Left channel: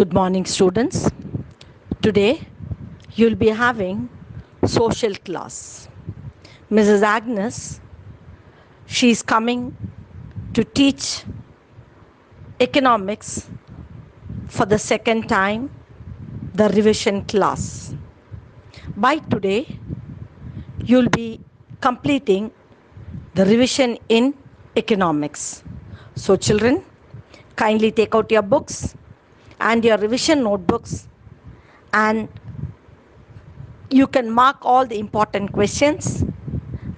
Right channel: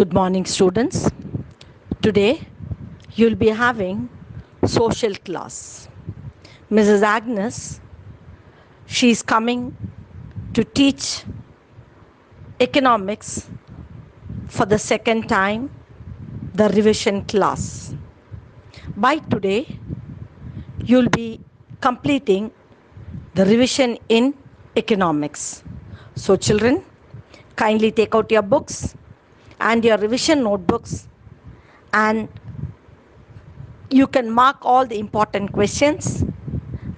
Good morning, students. Today you'll be having social class. Mrs. Agnes, she's coming to teach economics for the second time, the revision class. By today, you'll be completing the revision in economics. So, children, kindly take out your books and your revision notebooks, and you can mark all the important questions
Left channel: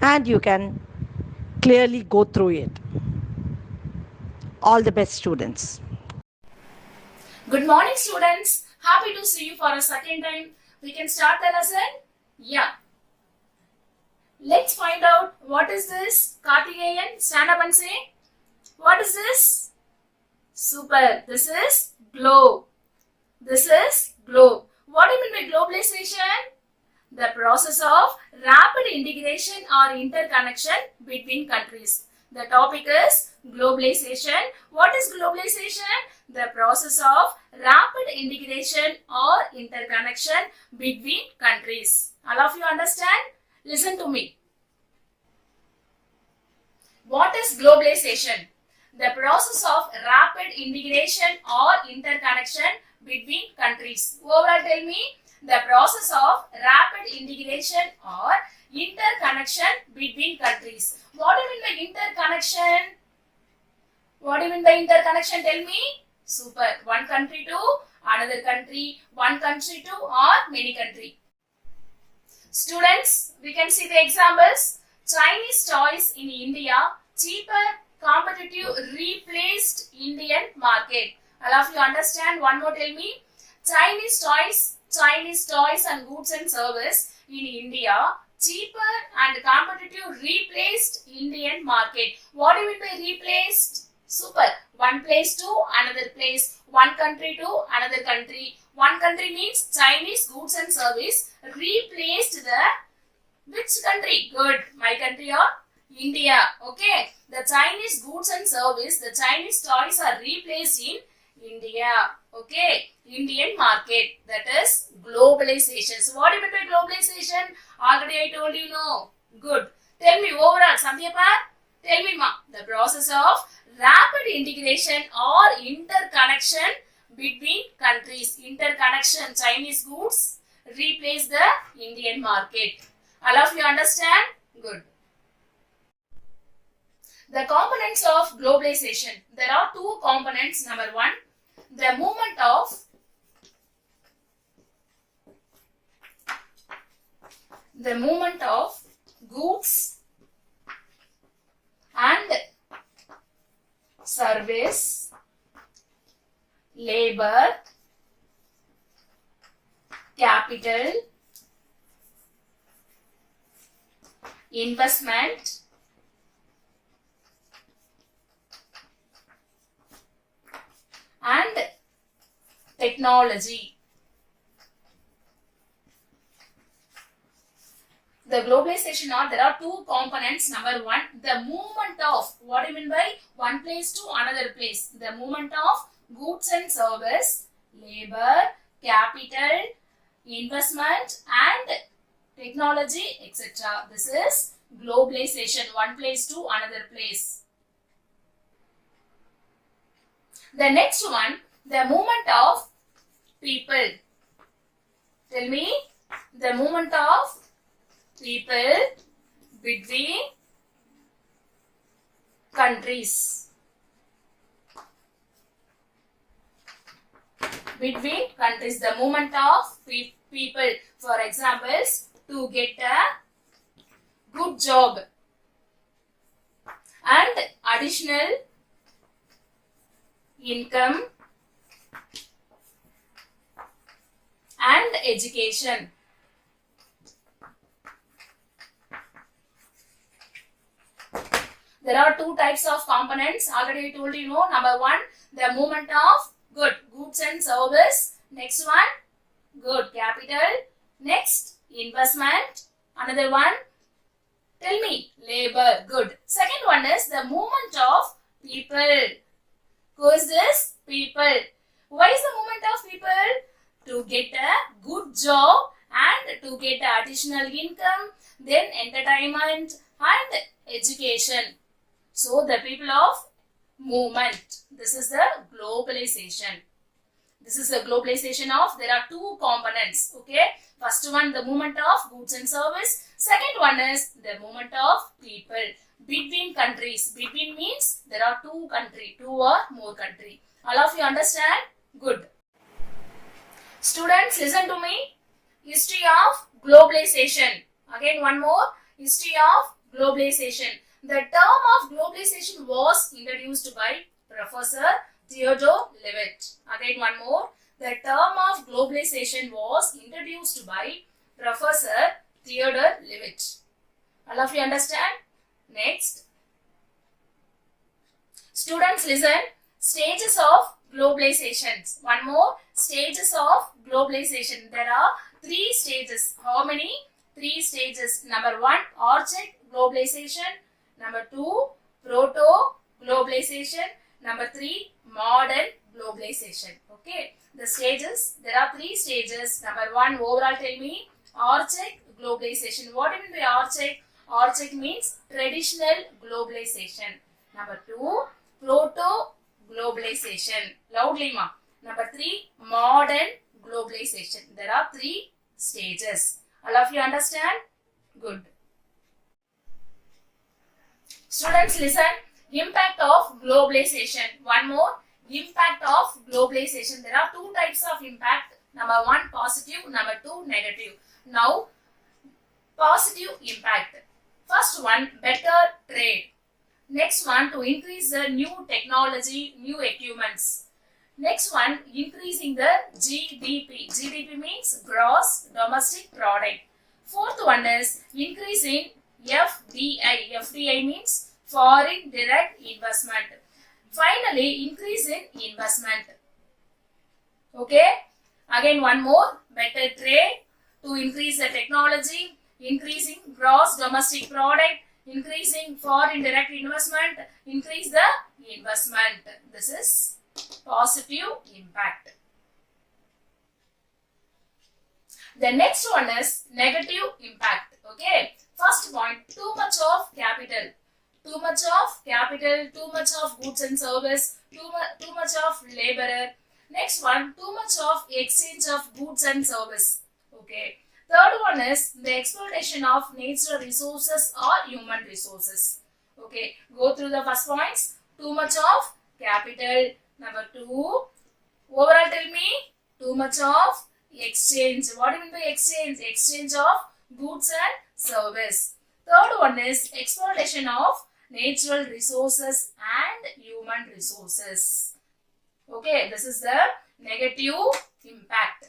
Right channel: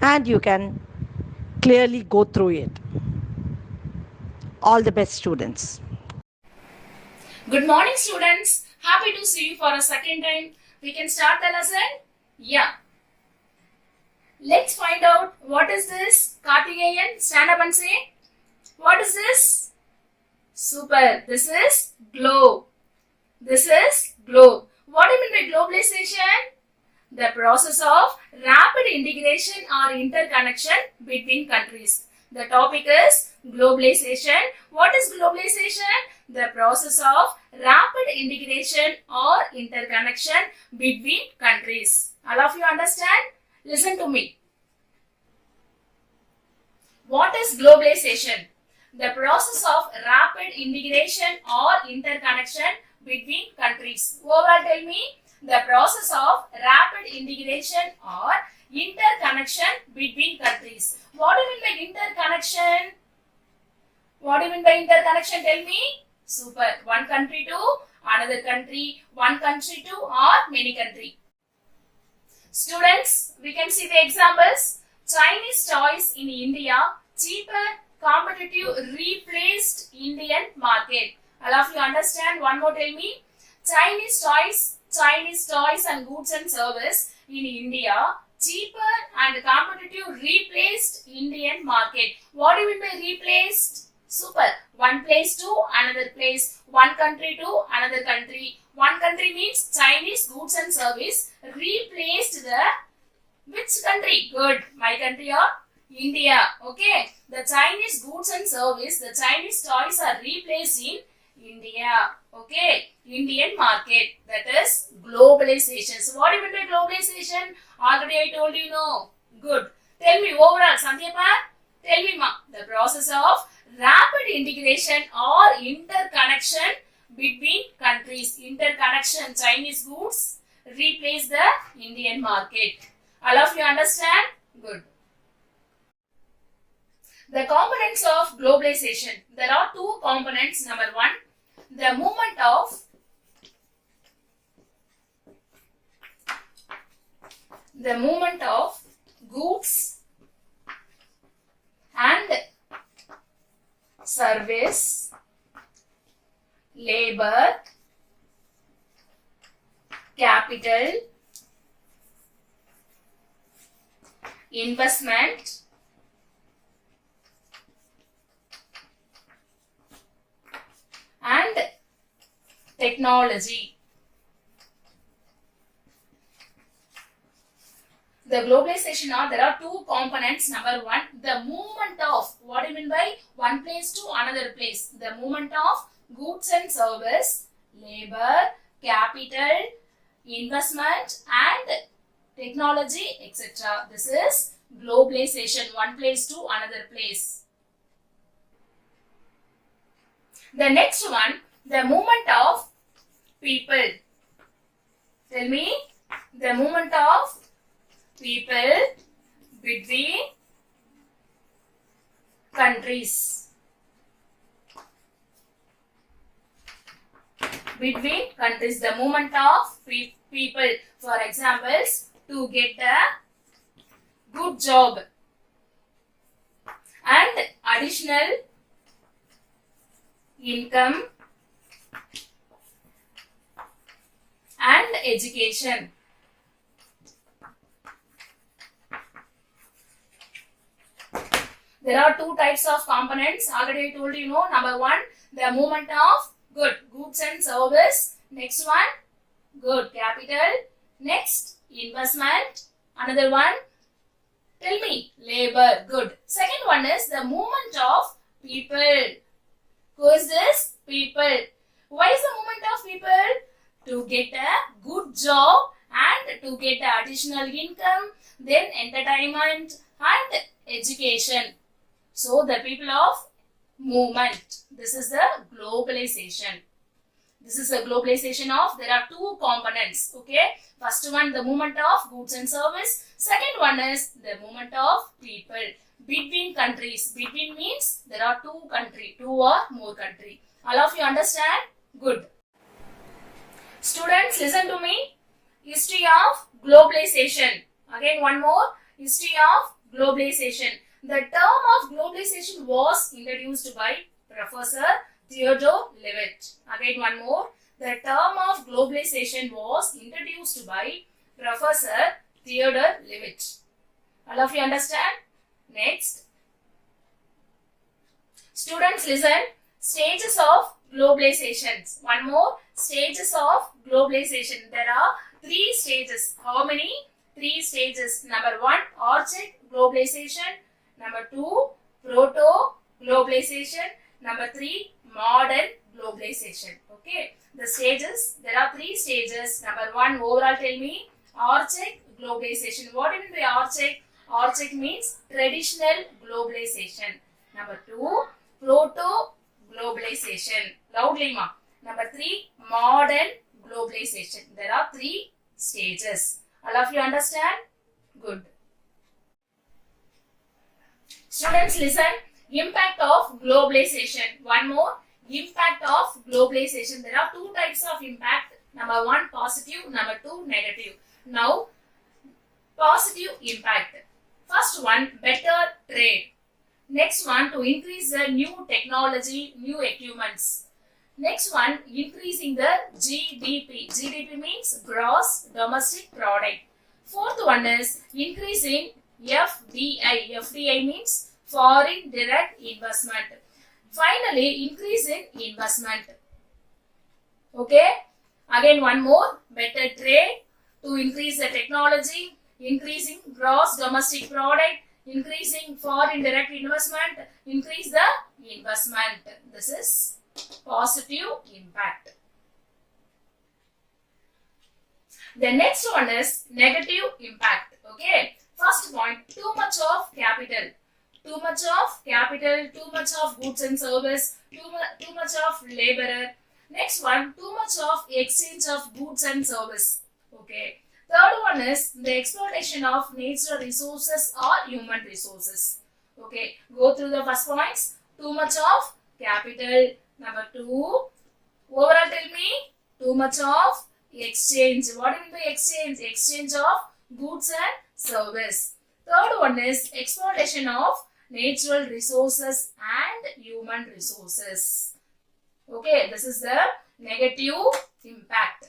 and you can clearly go through it. All the best, students. Good morning, students. Happy to see you for a second time. We can start the lesson? Yeah. Let's find out what is this. Karthikeyan, stand up and say. What is this? Super. This is globe. This is globe. What do you mean by globalization? The process of rapid integration or interconnection between countries. The topic is globalization. What is globalization? The process of rapid integration or interconnection between countries. All of you understand? Listen to me. What is globalization? The process of rapid integration or interconnection between countries. Overall, tell me. The process of rapid integration or interconnection between countries. What do you mean by interconnection? What do you mean by interconnection? Tell me. Super. One country to another country, one country to or many country. Students, we can see the examples. Chinese toys in India, cheaper, competitive, replaced Indian market. All of you understand? One more, tell me. Chinese toys and goods and service in India, cheaper and competitive, replaced Indian market. What do you mean by replaced? Super. One place to another place, one country to another country. One country means Chinese goods and service replaced the which country? Good. My country or India. Okay. The Chinese goods and service, the Chinese toys are replaced in India. Okay. Indian market. That is globalization. So what do you mean by globalization? Already I told you, no. Good. Tell me overall, Sandhyapa. Tell me, ma. The process of rapid integration or interconnection between countries. Interconnection. Chinese goods replace the Indian market. All of you understand? Good. The components of globalization. There are two components. Number one, the movement of goods and service, labor, capital, investment, and technology. The globalization there are two components. Number one, the movement of, what do you mean by one place to another place? The movement of goods and service, labor, capital, investment and technology, etc. This is globalization, one place to another place. The next one, the movement of people. Tell me, the movement of people between countries. Between countries, the movement of people. For examples, to get a good job and additional income and education. There are two types of components. Already I told you, number one, the movement of goods and service. Next one, good, capital. Next, investment. Another one, tell me, labor, good. Second one is the movement of people. Who is this? People. Why is the movement of people? To get a good job and to get additional income, then entertainment and education. So the people of movement. This is the globalization. This is the globalization of, there are two components. Okay. First one, the movement of goods and service. Second one is the movement of people between countries. Between means there are two country, two or more country. All of you understand? Good. Students, listen to me. History of globalization. Again one more. History of globalization. The term of globalization was introduced by Professor Theodore Levitt. Again one more. The term of globalization was introduced by Professor Theodore Levitt. All of you understand? Next. Students, listen. Stages of globalization. One more. Stages of globalization. There are three stages. How many? Three stages. Number one, Archaic globalization. Number two, proto-globalization. Number three, modern globalization. Okay. The stages, there are three stages. Number one, overall tell me, Archaic globalization. What do you mean by Archaic? Archaic means traditional globalization. Number two, proto-globalization. Loudly ma. Number three, modern globalization. There are three stages. All of you understand? Good. Students, listen. Impact of globalization. One more. Impact of globalization. There are two types of impact. Number one, positive. Number two, negative. Now, positive impact. First one, better trade. Next one, to increase the new technology, new equipments. Next one, increasing the GDP. GDP means gross domestic product. Fourth one is increasing FDI. FDI means foreign direct investment. Finally, increase in investment. Okay. Again one more, better trade, to increase the technology, increasing gross domestic product, increasing foreign direct investment, increase the investment. This is positive impact. The next one is negative impact. Okay. First point, too much of capital. Too much of capital, too much of goods and service, too much of laborer. Next one, too much of exchange of goods and service. Okay. Third one is the exploitation of natural resources or human resources. Okay. Go through the first points. Too much of capital. Number two, overall tell me, too much of exchange. What do you mean by exchange? Exchange of goods and service. Third one is exploitation of natural resources and human resources. Okay, this is the negative impact.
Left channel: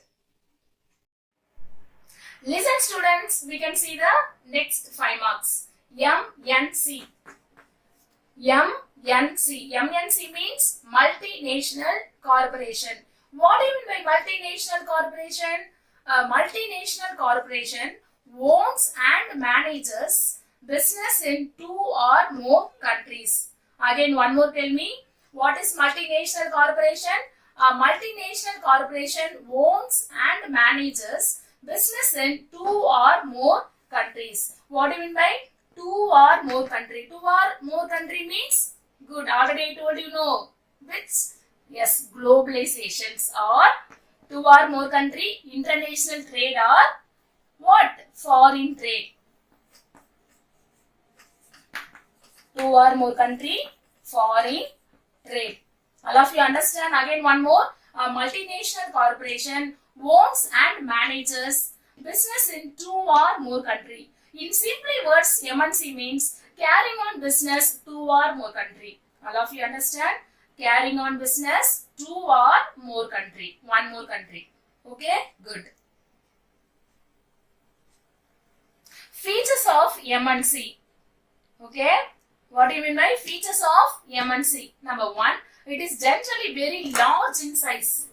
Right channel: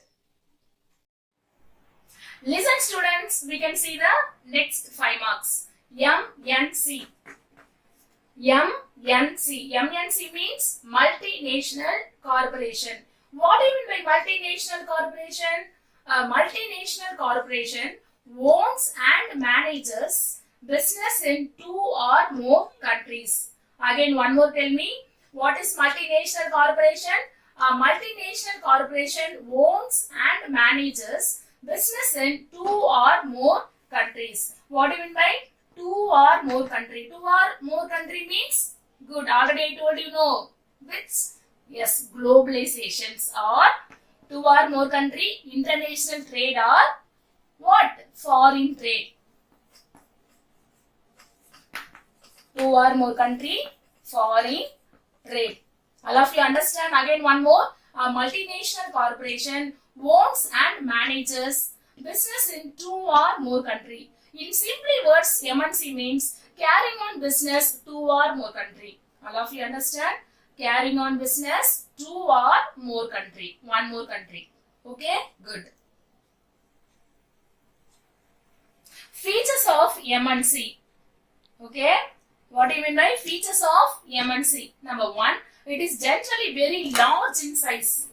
Listen students, we can see the next 5 marks. MNC. MNC. MNC means multinational corporation. What do you mean by multinational corporation? A multinational corporation owns and manages business in 2 or more countries. Again, one more tell me, what is multinational corporation? A multinational corporation owns and manages business in 2 or more countries. What do you mean by 2 or more country? 2 or more country means, good, already I told you no. Which? Yes, globalizations, or 2 or more country, international trade, or what? Foreign trade. 2 or more country, foreign trade. All of you understand? Again one more. A multinational corporation owns and manages business in 2 or more country. In simply words, MNC means carrying on business 2 or more country. All of you understand? Carrying on business 2 or more country. 1 more country. Okay? Good. Features of MNC. Okay? What do you mean by features of MNC? Number 1, it is generally very large in size.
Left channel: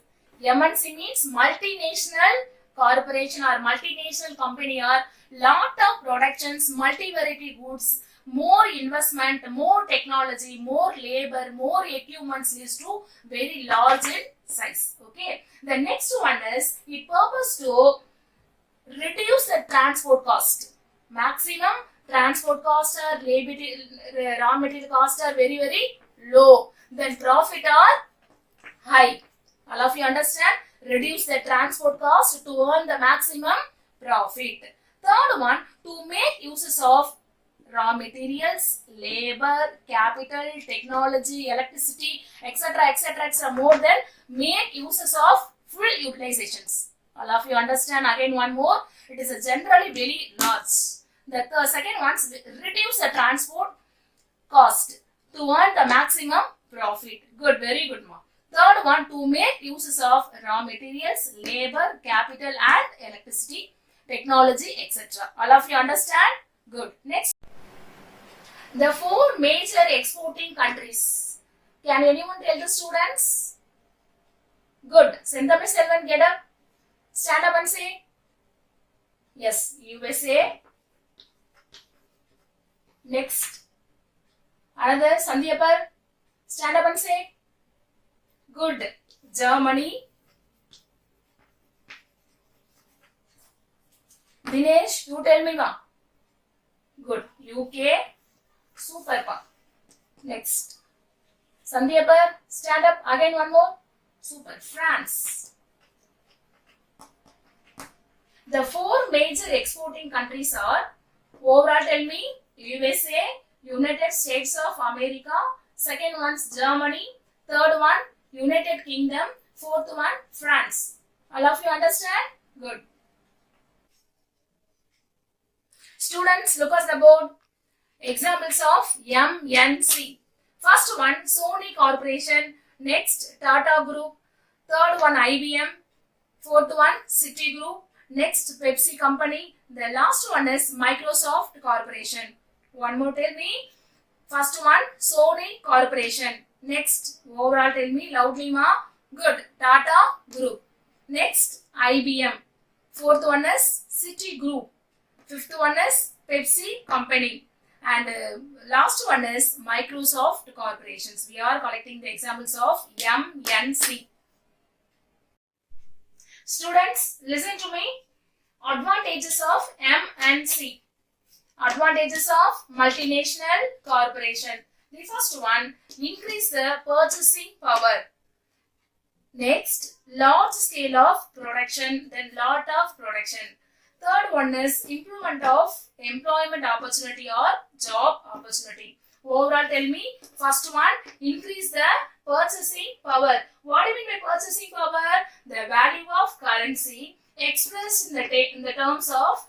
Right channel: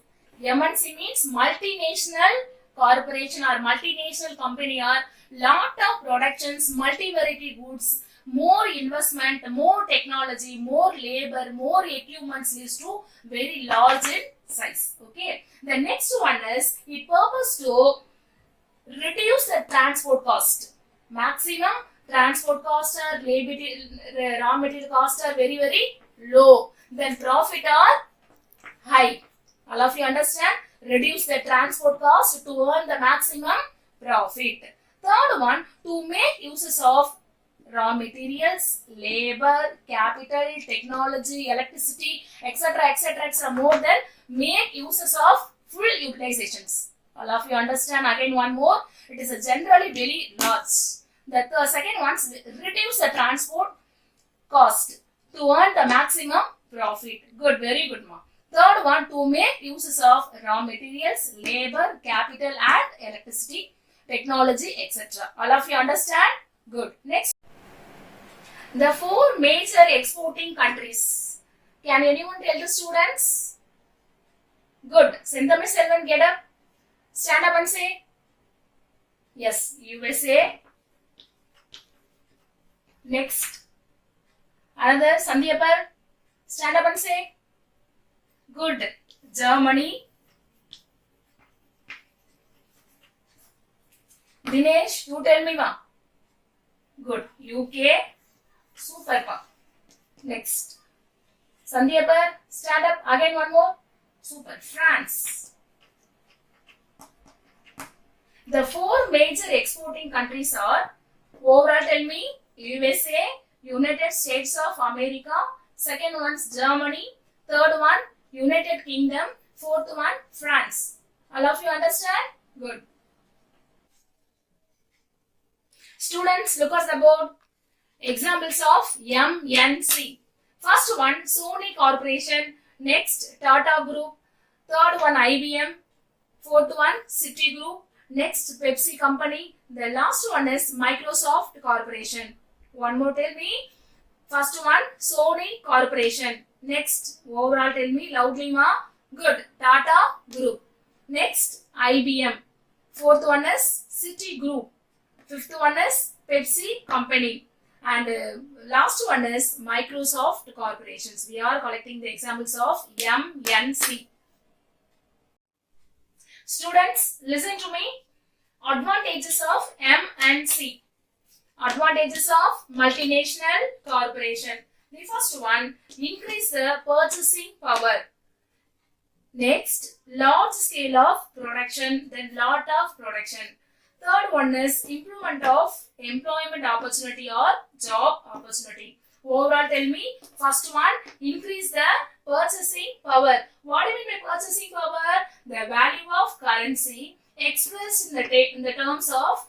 MNC means multinational corporation or multinational company, or lot of productions, multi-variety goods, more investment, more technology, more labor, more equipments, is to very large in size. Okay. The next one is it purpose to reduce the transport cost. Maximum transport cost or raw material cost are very low. Then profit are high. All of you understand? Reduce the transport cost to earn the maximum profit. Third one, to make uses of raw materials, labor, capital, technology, electricity, etc. more than make uses of full utilizations. All of you understand? Again, one more. It is a generally very large. The second one is reduce the transport cost to earn the maximum profit. Good, very good, ma. Third one, to make uses of raw materials, labor, capital and electricity, technology, etc. All of you understand? Good. Next. The four major exporting countries. Can anyone tell the students? Good. Senthamil Selvan, get up. Stand up and say. Yes, USA. Next. Another, Sandhyapar. Stand up and say. Good. Germany. Dinesh, you tell me, ma. Good. UK. Super. Next. Sandhyapar, stand up. Again, one more. Super. France. The four major exporting countries are, overall tell me, USA, United States of America, second one is Germany, third one United Kingdom, fourth one France. All of you understand? Good. Students, look at the board. Examples of MNC. First one, Sony Corporation. Next, Tata Group. Third one, IBM. Fourth one, Citigroup. Next, Pepsi Company. The last one is Microsoft Corporation. One more, tell me. First one, Sony Corporation. Next, overall tell me loudly, ma. Good. Tata Group. Next, IBM. Fourth one is Citigroup. Fifth one is Pepsi Company. And last one is Microsoft Corporations. We are collecting the examples of MNC. Students, listen to me. Advantages of MNC. Advantages of multinational corporation. The first one, increase the purchasing power. Next, large scale of production, then lot of production. Third one is improvement of employment opportunity or job opportunity. Overall, tell me, first one, increase the purchasing power. What do you mean by purchasing power? The value of currency expressed in the terms of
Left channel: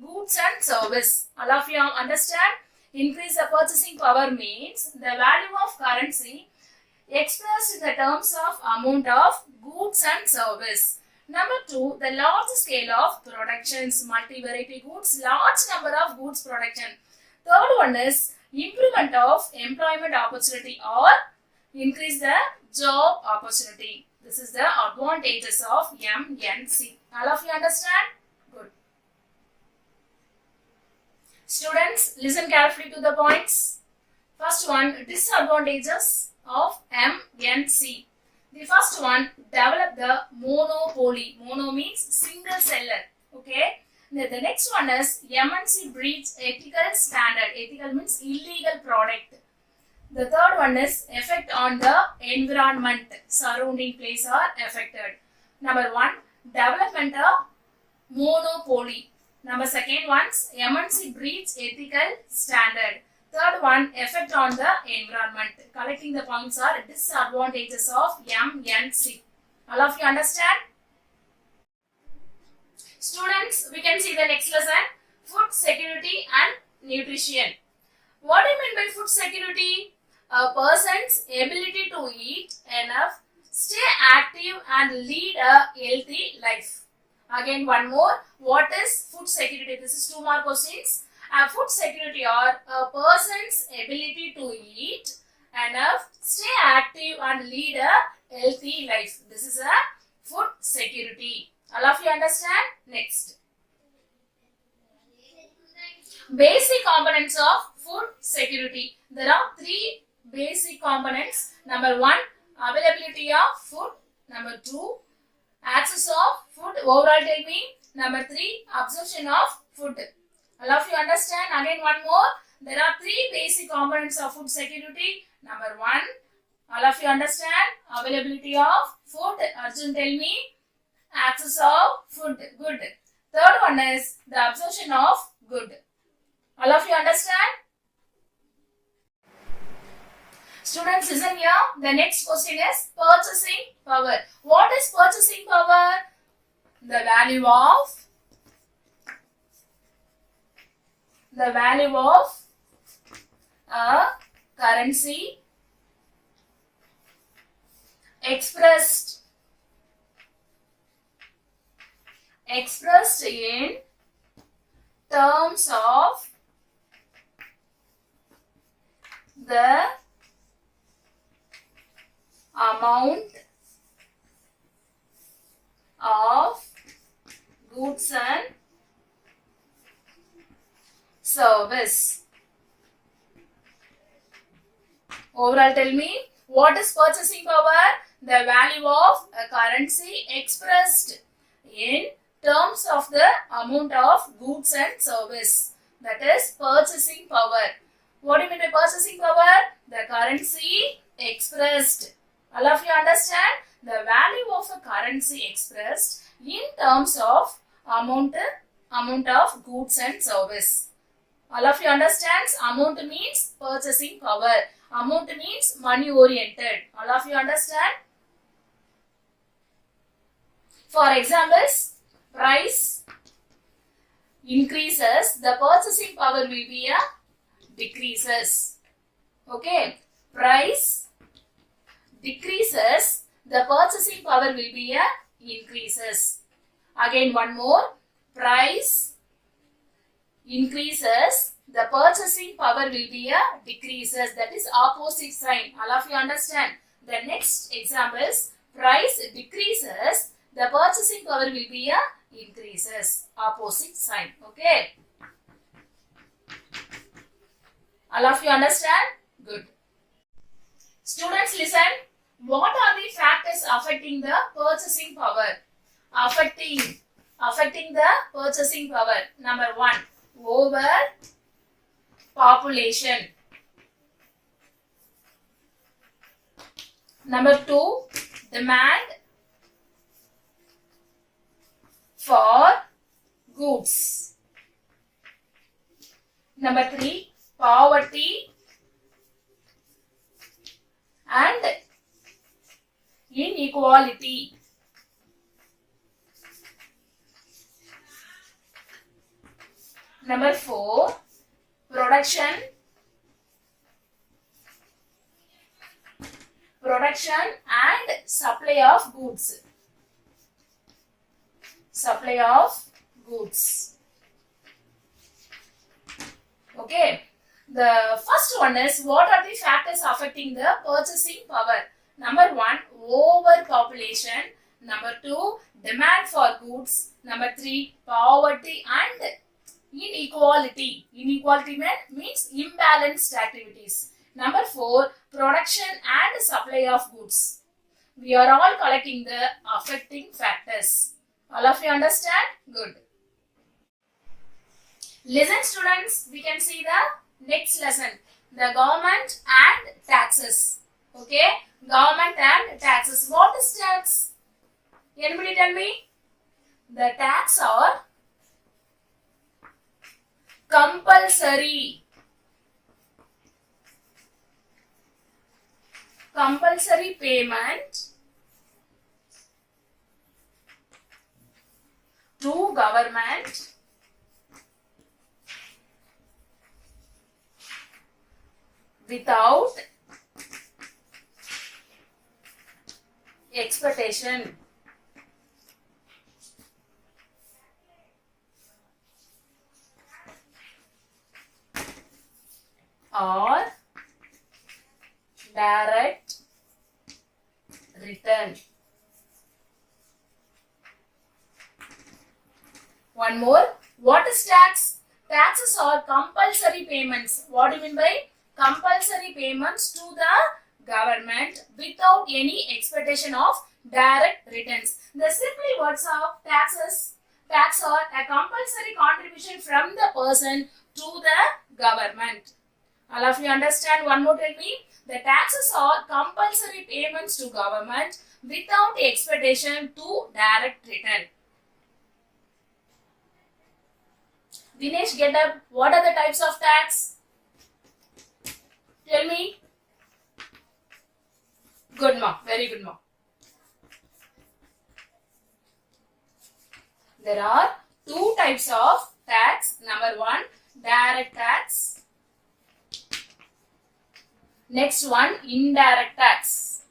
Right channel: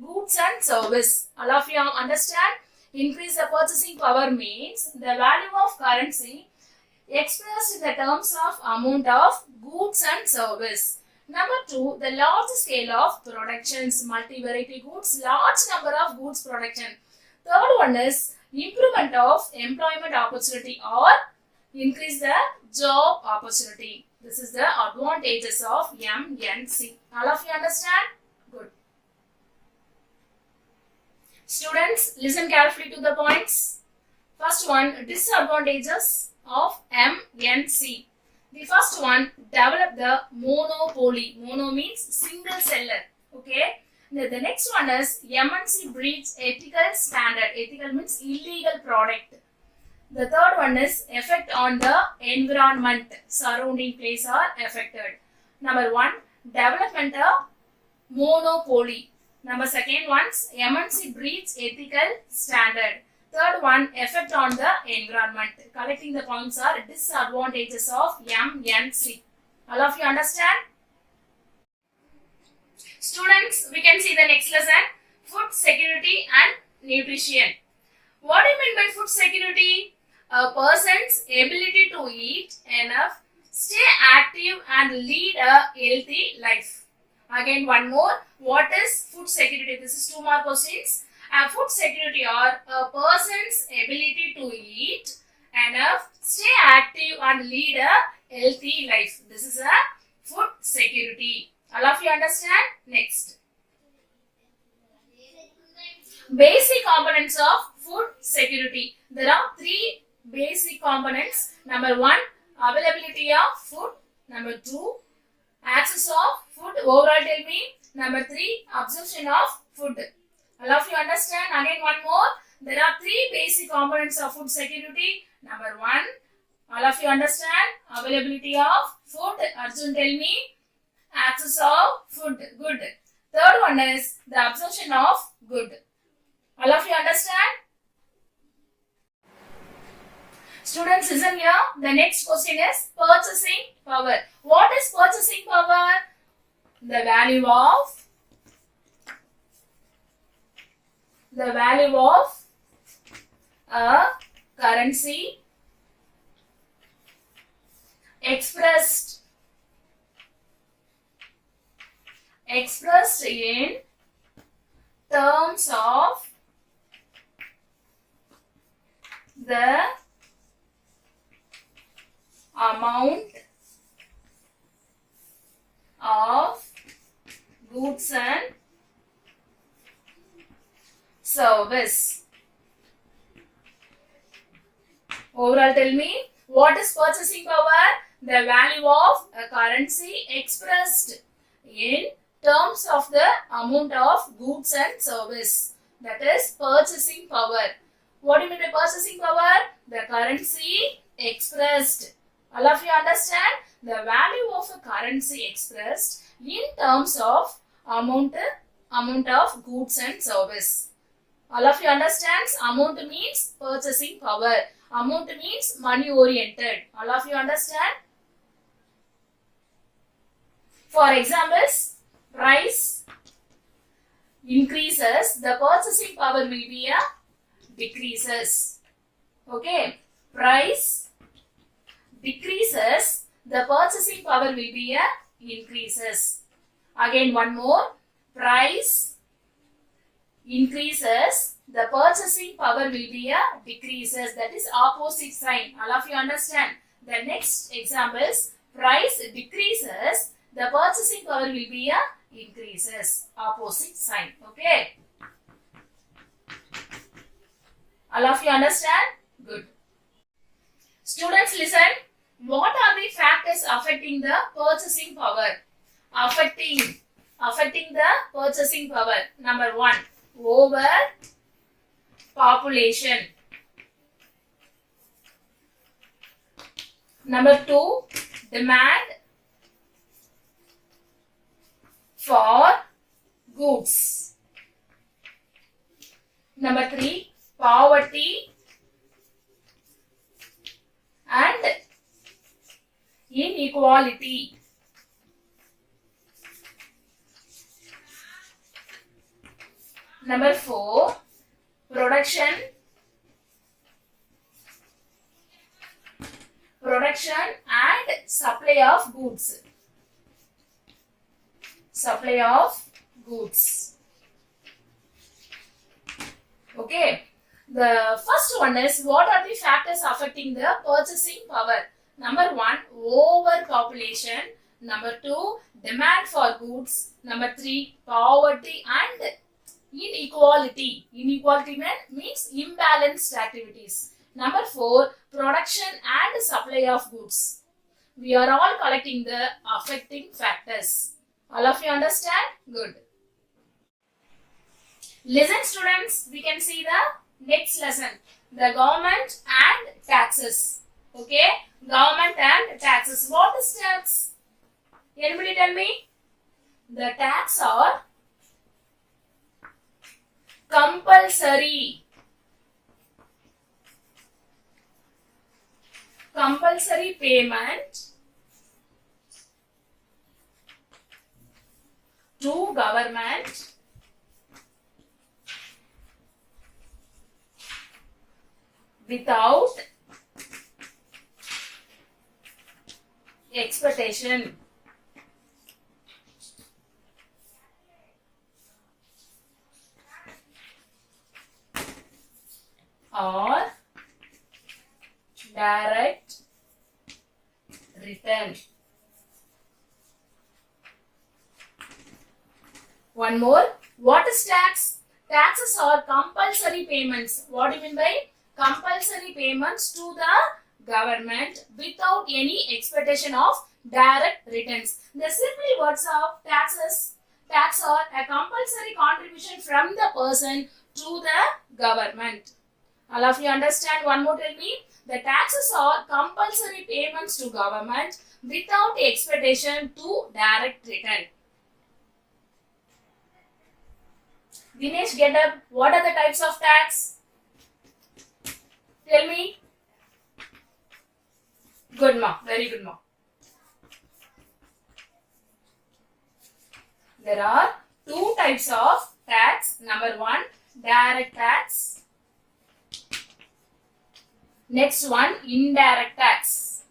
goods and service. All of you understand? Increase the purchasing power means the value of currency expressed in the terms of amount of goods and service. Number two, the large scale of productions, multi-variety goods, large number of goods production. Third one is improvement of employment opportunity or increase the job opportunity. This is the advantages of MNC. All of you understand? Good. Students, listen carefully to the points. First one, disadvantages of MNC. The first one, develop the monopoly. Mono means single seller. Okay. The next one is MNC breeds ethical standard. Ethical means illegal product. The third one is effect on the environment. Surrounding place are affected. Number one, development of monopoly. Number second one, MNC breeds ethical standard. Third one, effect on the environment. Collecting the points are disadvantages of MNC. All of you understand? Students, we can see the next lesson. Food security and nutrition. What do you mean by food security? A person's ability to eat enough, stay active and lead a healthy life. Again, one more. What is food security? This is 2 more questions. Food security are a person's ability to eat enough, stay active and lead a healthy life. This is a food security. All of you understand? Next. Basic components of food security. There are 3 basic components. Number 1, availability of food. Number 2, access of food. Overall, tell me. Number 3, absorption of food. All of you understand? Again, one more. There are 3 basic components of food security. Number 1, all of you understand? Availability of food. Arjun, tell me. Access of food. Good. Third one is the absorption of good. All of you understand? Students, listen here. The next question is purchasing power. What is purchasing power? The value of a currency expressed in terms of the amount of goods and service. Overall, tell me, what is purchasing power? The value of a currency expressed in terms of the amount of goods and service. That is purchasing power. What do you mean by purchasing power? The currency expressed. All of you understand? The value of a currency expressed in terms of amount of goods and service. All of you understand? Amount means purchasing power. Amount means money oriented. All of you understand? For examples, price increases, the purchasing power will be a decreases. Okay, price decreases, the purchasing power will be a increases. Again, one more, price increases, the purchasing power will be a decreases. That is opposite sign. All of you understand? The next examples, price decreases, the purchasing power will be a increases. Opposite sign. Okay. All of you understand? Good. Students, listen. What are the factors affecting the purchasing power? Affecting the purchasing power. Number 1, over population. Number 2, demand for goods. Number 3, poverty and inequality. Number 4, production and supply of goods. Supply of goods. Okay. The first one is, what are the factors affecting the purchasing power? Number 1, overpopulation. Number 2, demand for goods. Number 3, poverty and inequality. Inequality means imbalanced activities. Number 4, production and supply of goods. We are all collecting the affecting factors. All of you understand? Good. Listen, students, we can see the next lesson. The government and taxes. Okay? Government and taxes. What is tax? Anybody tell me? The tax are compulsory. Compulsory payment to government without expectation. Or direct return. One more. What is tax? Taxes are compulsory payments. What do you mean by compulsory payments to the government without any expectation of direct returns. The simple words of tax are a compulsory contribution from the person to the government. All of you understand? One more tell me. The taxes are compulsory payments to government without expectation to direct return. Dinesh, get up. What are the types of tax? Tell me. Good ma. Very good ma. There are two types of tax. Number one, direct tax. Next one, indirect tax.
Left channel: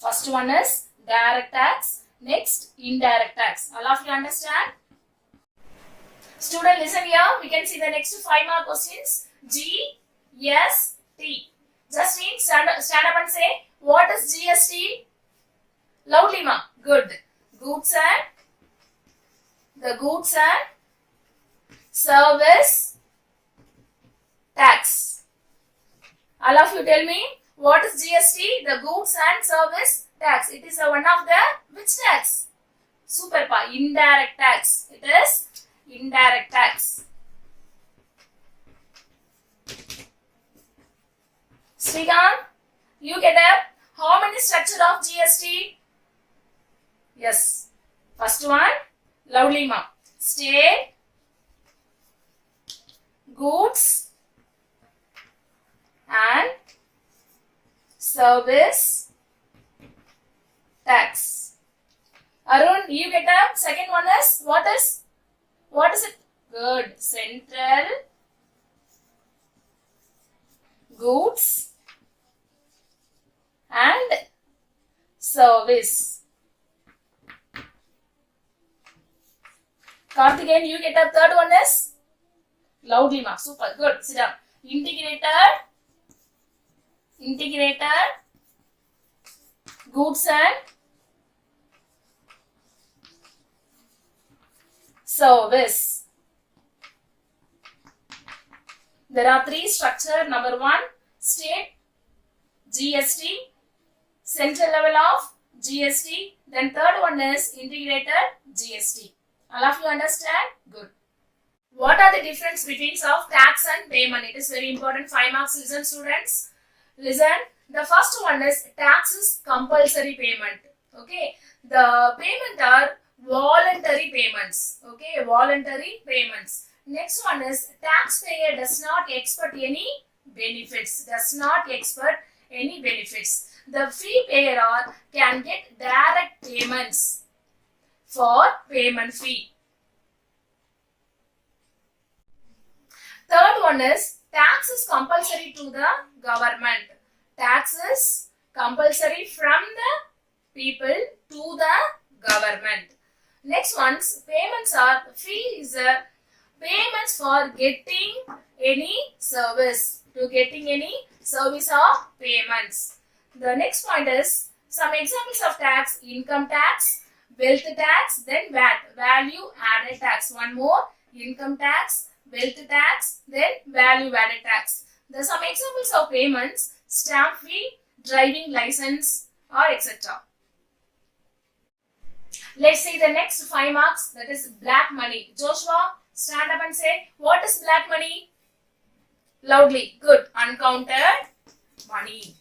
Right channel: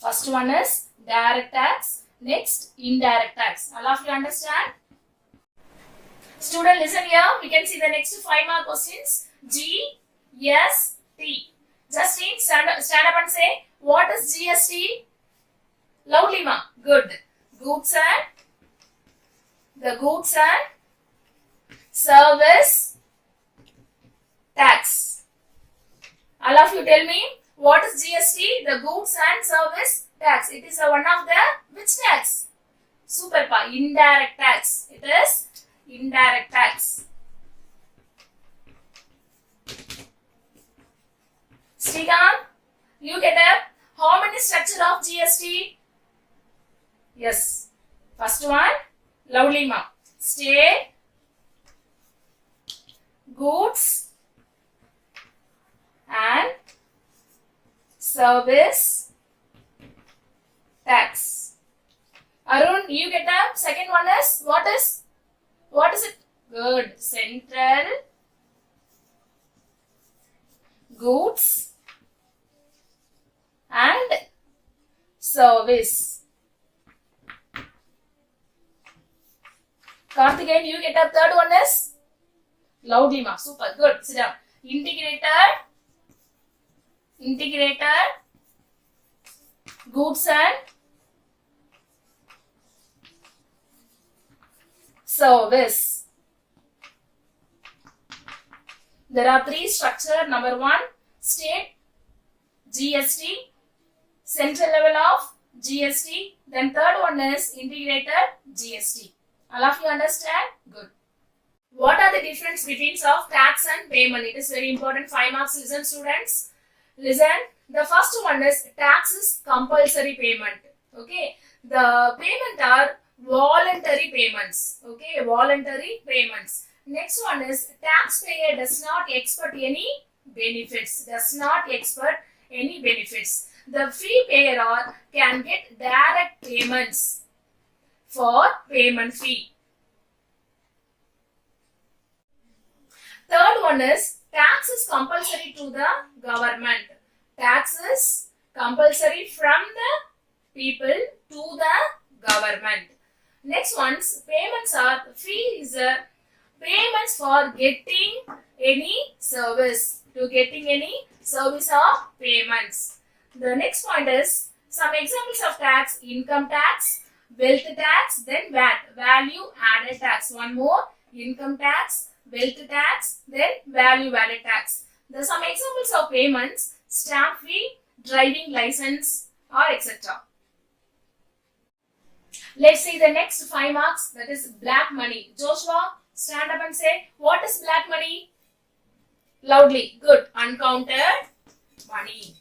First one is direct tax. Next, indirect tax. All of you understand? Student, listen here. We can see the next 5 more questions. GST. Justine, stand up and say, what is GST? Loudly, ma. Good. Goods and service tax. All of you tell me, what is GST? The goods and service tax. It is one of the which tax? Super pa. Indirect tax. It is indirect tax. Sriram, you get up. How many structure of GST? Yes. First one, loudly ma. State, goods and service tax. Arun, you get up. Second one is what is it? Good. Central goods and service. Karthikeyan, you get up. Third one is loudly ma. Super. Good. Sit down. Integrated goods and service. There are three structure. Number one, state GST, central level of GST. Then third one is integrated GST. All of you understand? Good. What are the difference between of tax and payment? It is very important. 5 marks. Listen, students. Listen. The first one is tax is compulsory payment. Okay. The payment are voluntary payments. Okay. Voluntary payments. Next one is taxpayer does not expect any benefits. Does not expect any benefits. The fee payer can get direct payments for payment fee. Third one is tax is compulsory to the government. Tax is compulsory from the people to the government. Next one's payments are fees, payments for getting any service. To getting any service or payments. The next point is some examples of tax: income tax, wealth tax, then VAT, value added tax. One more, income tax, wealth tax, then value added tax. There are some examples of payments: stamp fee, driving license, or etc. Let's see the next 5 marks, that is black money. Joshua, stand up and say, what is black money? Loudly. Good. Uncounted money.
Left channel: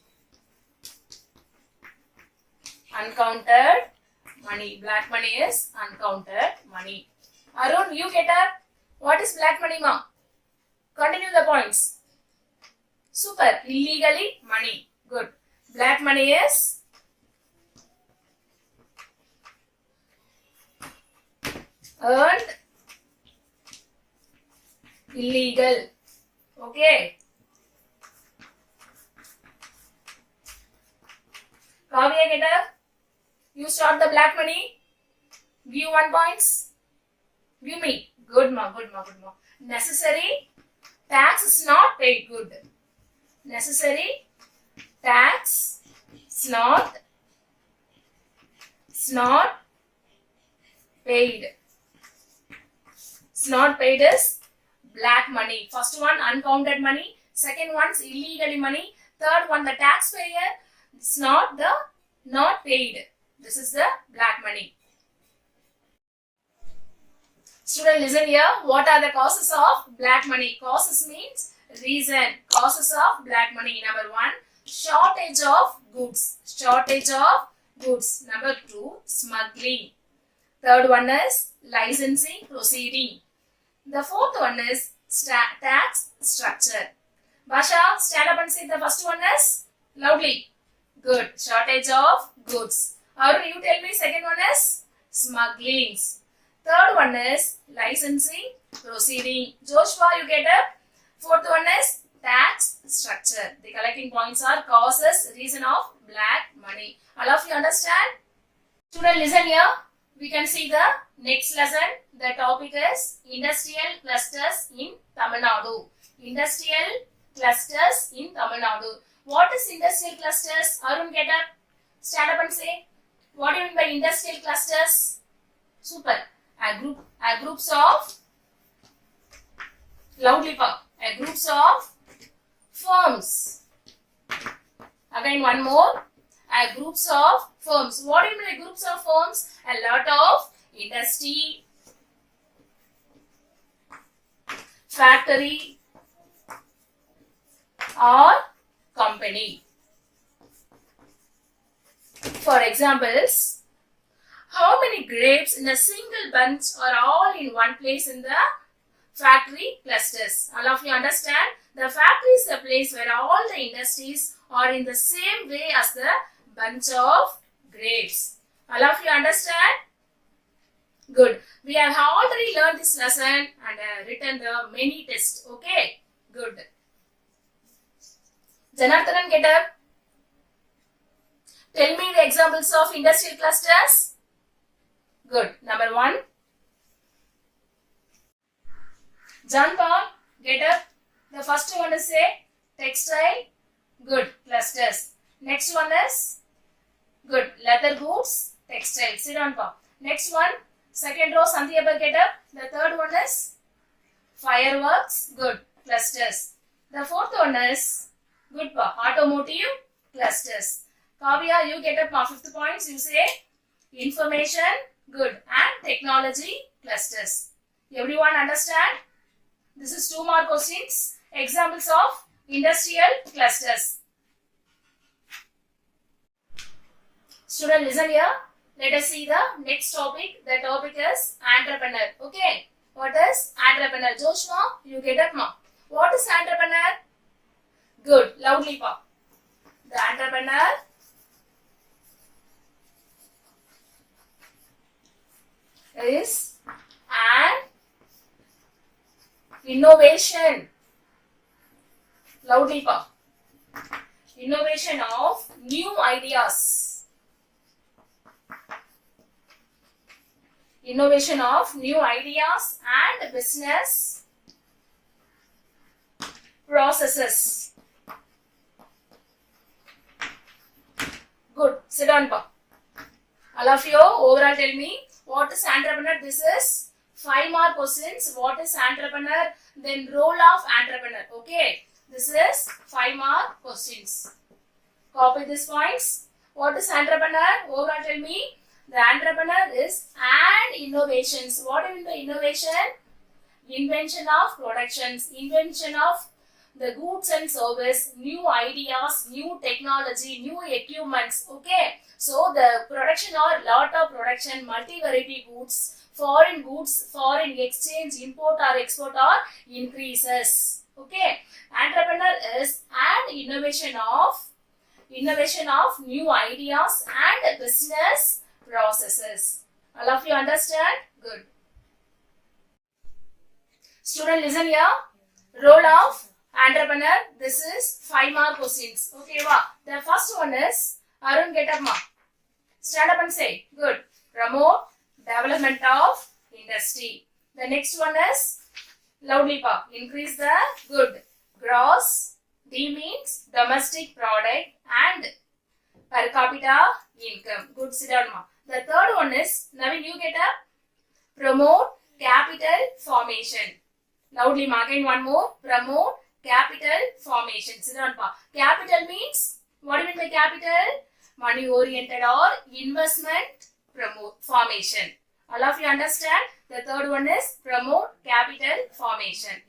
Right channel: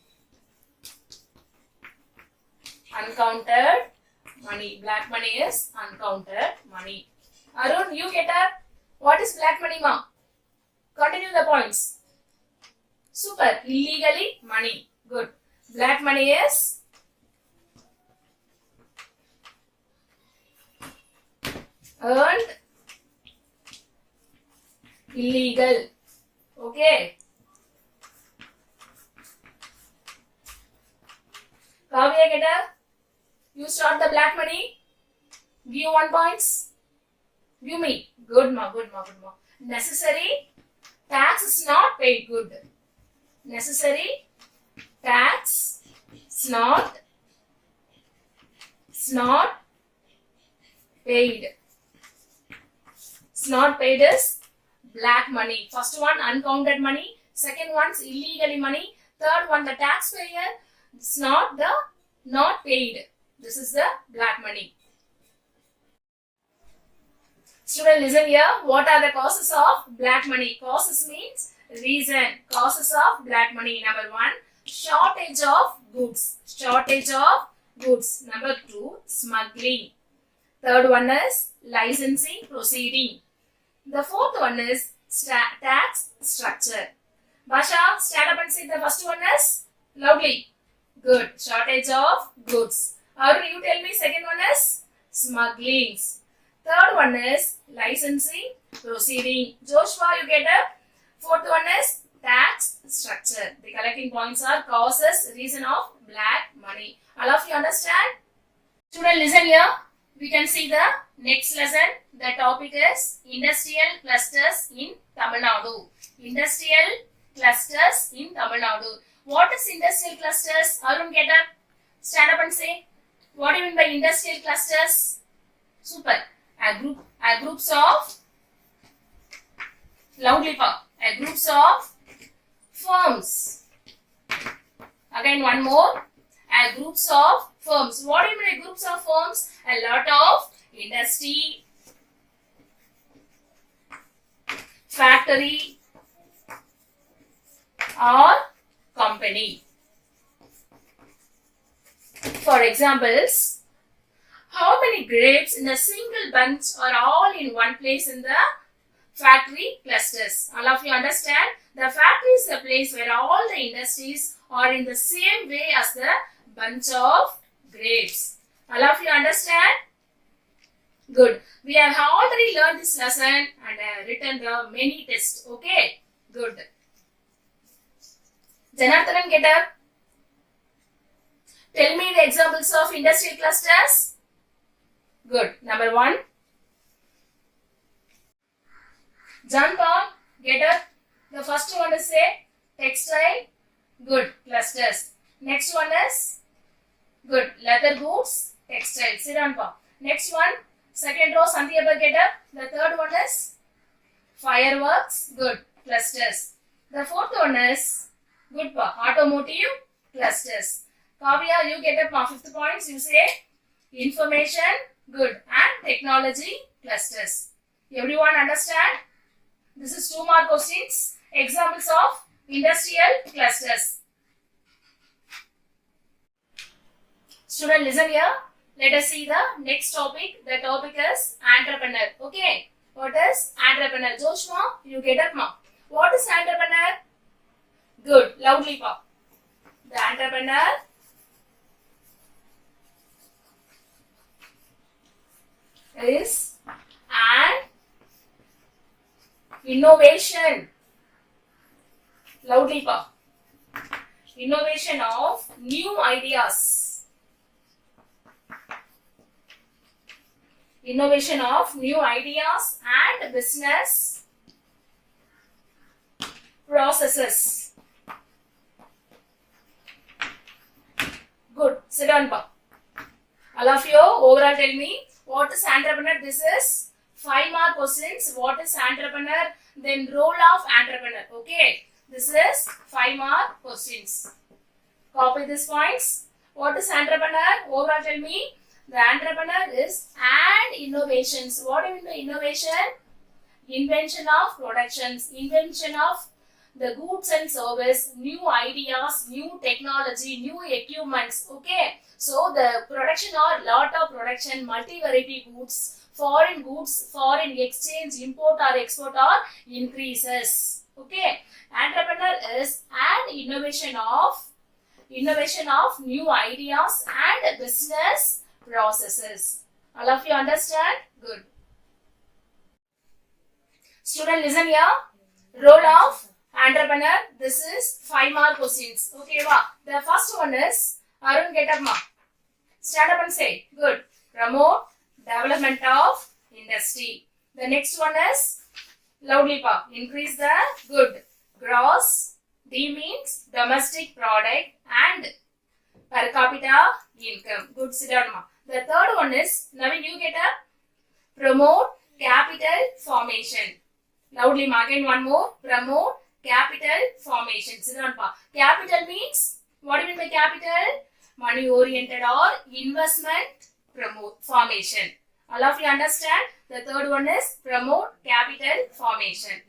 Uncounted money. Black money is uncounted money. Arun, you get up. What is black money, ma? Continue the points. Super. Illegally money. Good. Black money is earned illegal. Okay. Kavya, get up. You start the black money. View 1 points. View me. Good ma, good ma, good ma. Necessary tax is not paid. Good. Necessary tax is not paid. It's not paid is black money. First one, uncounted money. Second one is illegally money. Third one, the taxpayer It's not paid. This is the black money. Student, listen here. What are the causes of black money? Causes means reason. Causes of black money. Number 1, shortage of goods. Shortage of goods. Number 2, smuggling. Third one is licensing proceeding. The fourth one is tax structure. Basha, stand up and say the first one is loudly. Good. Shortage of goods. Or you tell me second one is smuggling. Third one is licensing proceeding. Joshua, you get up. Fourth one is tax structure. The collecting points are causes, reason of black money. All of you understand? Student, listen here. We can see the next lesson. The topic is industrial clusters in Tamil Nadu. Industrial clusters in Tamil Nadu. What is industrial clusters? Arun, get up. Stand up and say. What do you mean by industrial clusters? Super. A groups of loudly pop. A groups of firms. Again, one more. A groups of firms. What do you mean by groups of firms? A lot of industry, factory, or company. For examples, how many grapes in a single bunch are all in one place in the factory clusters? All of you understand? The factory is the place where all the industries are in the same way as the bunch of grapes. All of you understand? Good. We have already learned this lesson and written the many tests. Okay? Good. Janardhanan, get up. Tell me the examples of industrial clusters. Good. Number 1. John Paul, get up. The first one is say textile. Good. Clusters. Next one is good. Leather goods. Textile. Sit down, Paul. Next one. Second row. Sandhya, get up. The third one is fireworks. Good. Clusters. The fourth one is good, Paul. Automotive. Clusters. Kavya, you get up for 5th points. You say information. Good. And technology clusters. Everyone understand? This is 2 mark questions. Examples of industrial clusters. Student, listen here. Let us see the next topic. The topic is entrepreneur. Okay. What is entrepreneur? Joshua, you get up now. What is entrepreneur? Good. Loudly pop. The entrepreneur is an innovation. Loudly pop. Innovation of new ideas. Innovation of new ideas and business processes. Good. Sit down, pa. All of you overall tell me what is entrepreneur. This is 5 mark questions. What is entrepreneur? Then role of entrepreneur. Okay. This is 5 mark questions. Copy these points. What is entrepreneur? Overall tell me. The entrepreneur is an innovations. What do you mean by innovation? Invention of productions, invention of the goods and service, new ideas, new technology, new equipments. Okay. So the production or lot of production, multi-variety goods, foreign exchange, import or export or increases. Okay. Entrepreneur is an innovation of new ideas and business processes. All of you understand? Good. Student, listen here. Role of entrepreneur. This is 5 mark questions. Okay, wow. The first one is Arun, get up, ma. Stand up and say. Good. Promote development of industry. The next one is loudly pa. Increase the good. Gross. D means domestic product and per capita income. Good. Sit down, ma. The third one is, Navin, you get up. Promote capital formation. Loudly, ma. Again, one more. Promote capital formation. Sit down, pa. Capital means What do you mean by capital? Money oriented or investment formation. All of you understand? The third one is promote capital formation.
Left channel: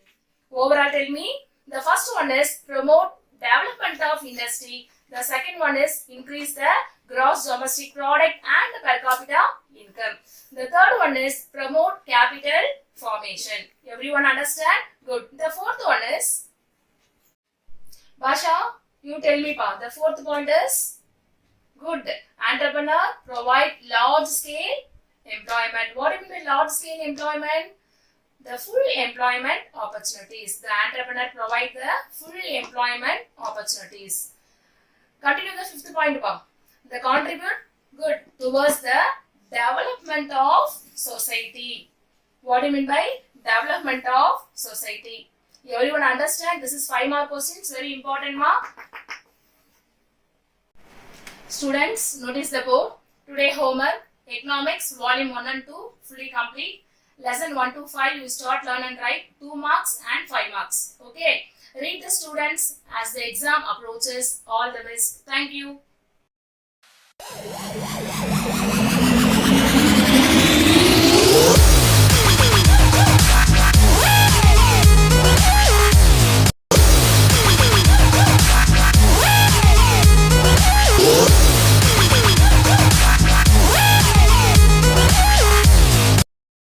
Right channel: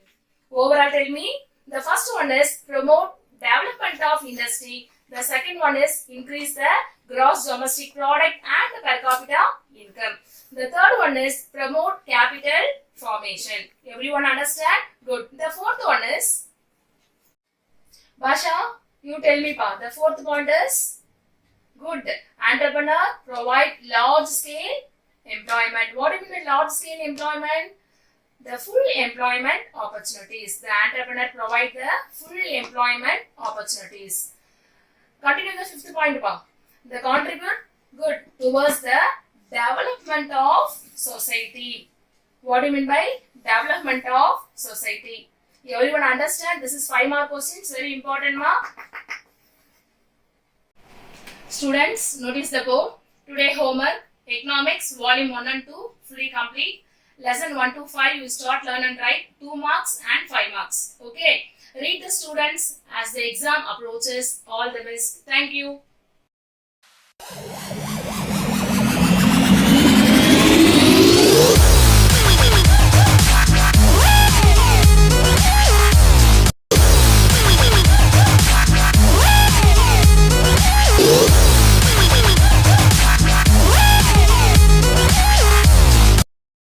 Overall, tell me. The first one is promote development of industry. The second one is increase the gross domestic product and the per capita income. The third one is promote capital formation. Everyone understand? Good. The fourth one is, Basha, you tell me pa. The fourth point is, good. Entrepreneur provide large scale employment. What do you mean by large scale employment? The full employment opportunities. The entrepreneur provide the full employment opportunities. Continue the fifth point pa. The contribute good towards the development of society. What do you mean by development of society? Everyone understand? This is 5 mark questions. Very important mark. Students, notice the code. Today homework. Economics volume 1 and 2 fully complete. Lesson 1 to 5 you start, learn and write 2 marks and 5 marks. Okay. Read the students as the exam approaches. All the best. Thank you.